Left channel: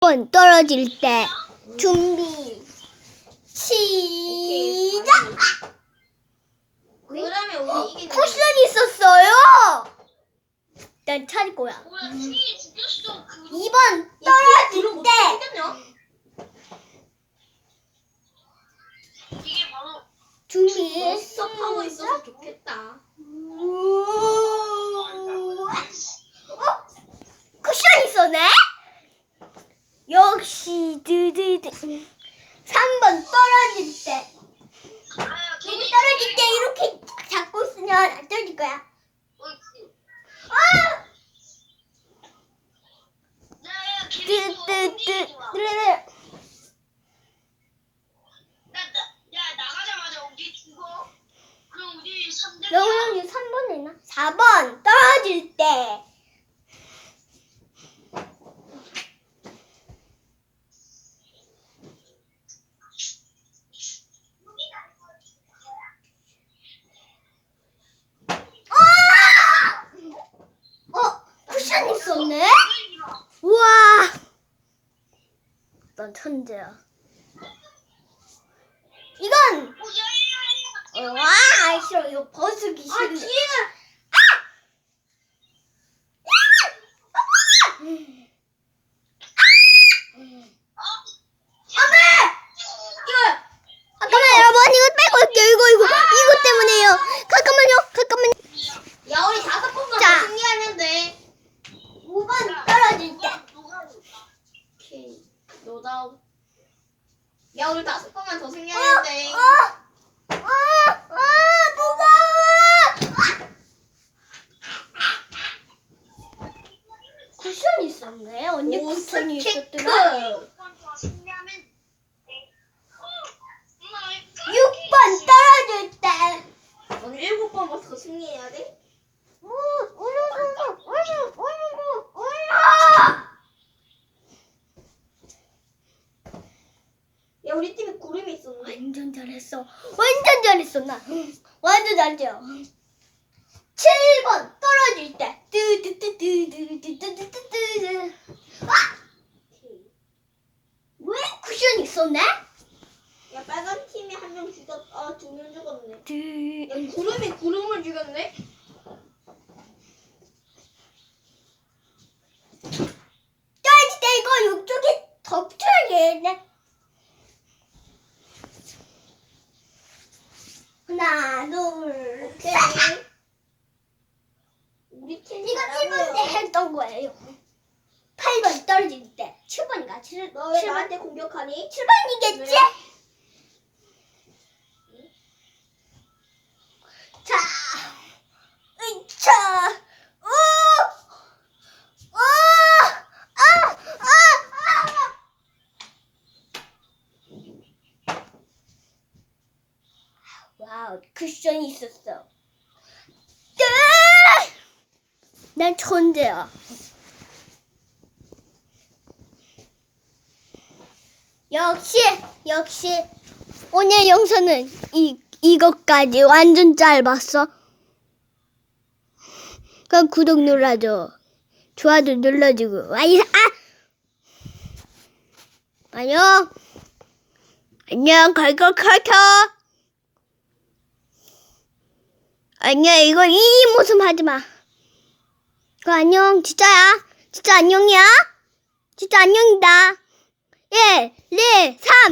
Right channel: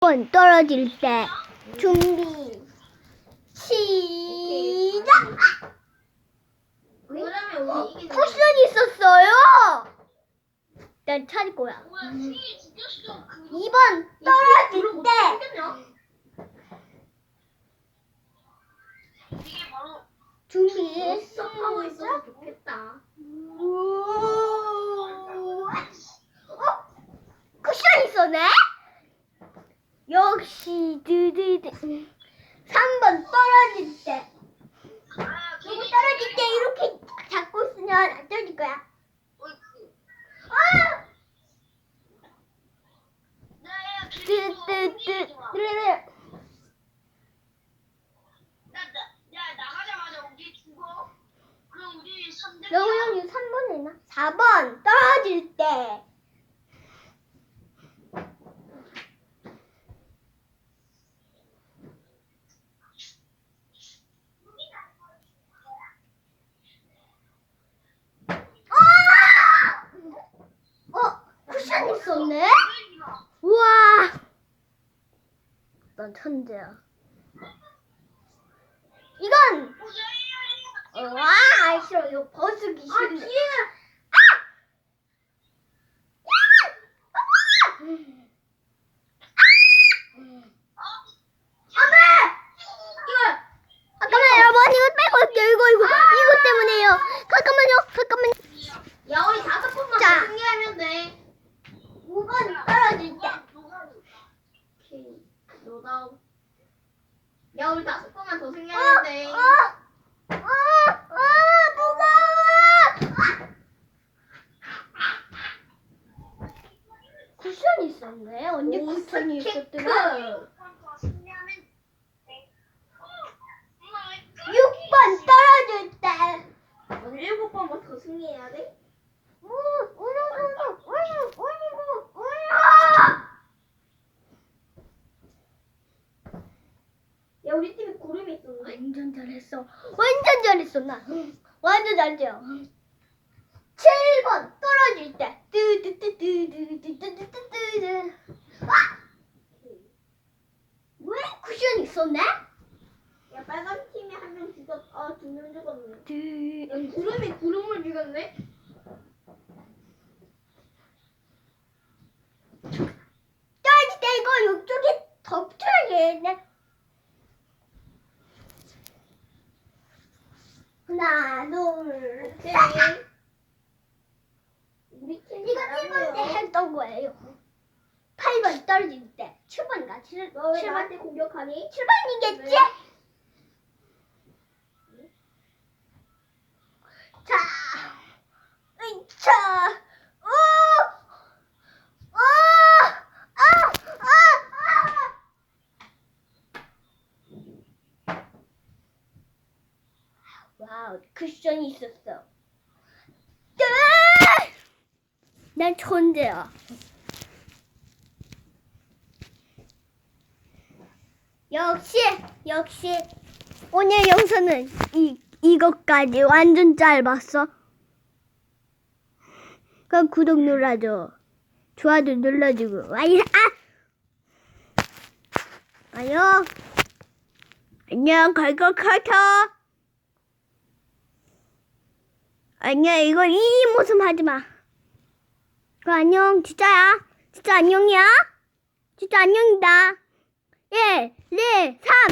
번 떨어질 때 준비 시작. 그러면 우리 이게 쿠션 있었어요. 난 찾을 거야. 뭐야 승희 죽였어 그 2번 그 떨어질 때 생겼냐? 이게 바로 준비 수업하고 있어서 좋겠다. 어? 쿠션 있었네? 역시 드드드 3번 떨어질 때아 걔네 떨어질 때 이렇게 잡고 있으면 안 떨어질 거야 아! 야야 걔네 뜨뜨뜨 좋아 뜨르르 나야 나가자마자 우리 죽어 그럼 우리 3대 영우 형이 3번 했나? 4번 떨어질 때 아! 어? 있었네? 우와. 난 천재야. 이건! 어, 와 싫어. 이거 벗으기 싫어 아 뒤에는 잠깐만 여러분 이거 빼고 올게요 이거 이거 이거 때문에요 잠깐만요 잠깐만요 야 우리 다섯 번만 자. 더 승리하면 돼. 5번 떨어질 때 오케이. 노다우. 야 우리 다섯 번만 더 승리하면 돼. 어, 어, 어, 무서워 쿠션 있었네 오, 쿠션이. 있었더라 6번 6번 떨어질 때 오늘 일곱 번만 더 승리해야 돼. 우, 우르르르, 우르르, 우르르, 우르르. 야 우리 팀에 구름이 있었네. 완전 잘했어. 완전 잘했어, 나. 완전 잘했죠. 7번 떨어질 때. 뚜뚜뚜뚜뚜뚜뚜뚜뚜. 아! 왜 쿠션 있었네? 야 빨간 팀이 한 명 죽었. 아두 명 죽었네. 뚜. 야 구름이 구름을 죽였네. 떨어질 때 이거 이쪽에 덮쳐야겠네. 하나, 둘. 셋. 우리 팀. 이거 1번 때 했던 거예요. 8번 떨어질 때. 7번인가? 7, 너왜 7번? 나한테 공격하니? 7번이겠지? 왜? 자, 으차, 우, 우, 아, 아, 아. 와우, 쿠션이 있었어. 뜨! 난 천재야. 역시, 역시, 오늘 영상은 이, 이것까지 완전 짧았어. 그럼 구독 눌러줘. 좋아요 눌러주고. 와이, 아! 안녕. 안녕, 걸걸 커터. 안녕, 이거 이 모습 하지 마. 그 안녕, 진짜야. 진짜 안녕이야. 진짜 안녕이다. 1, 2, 3.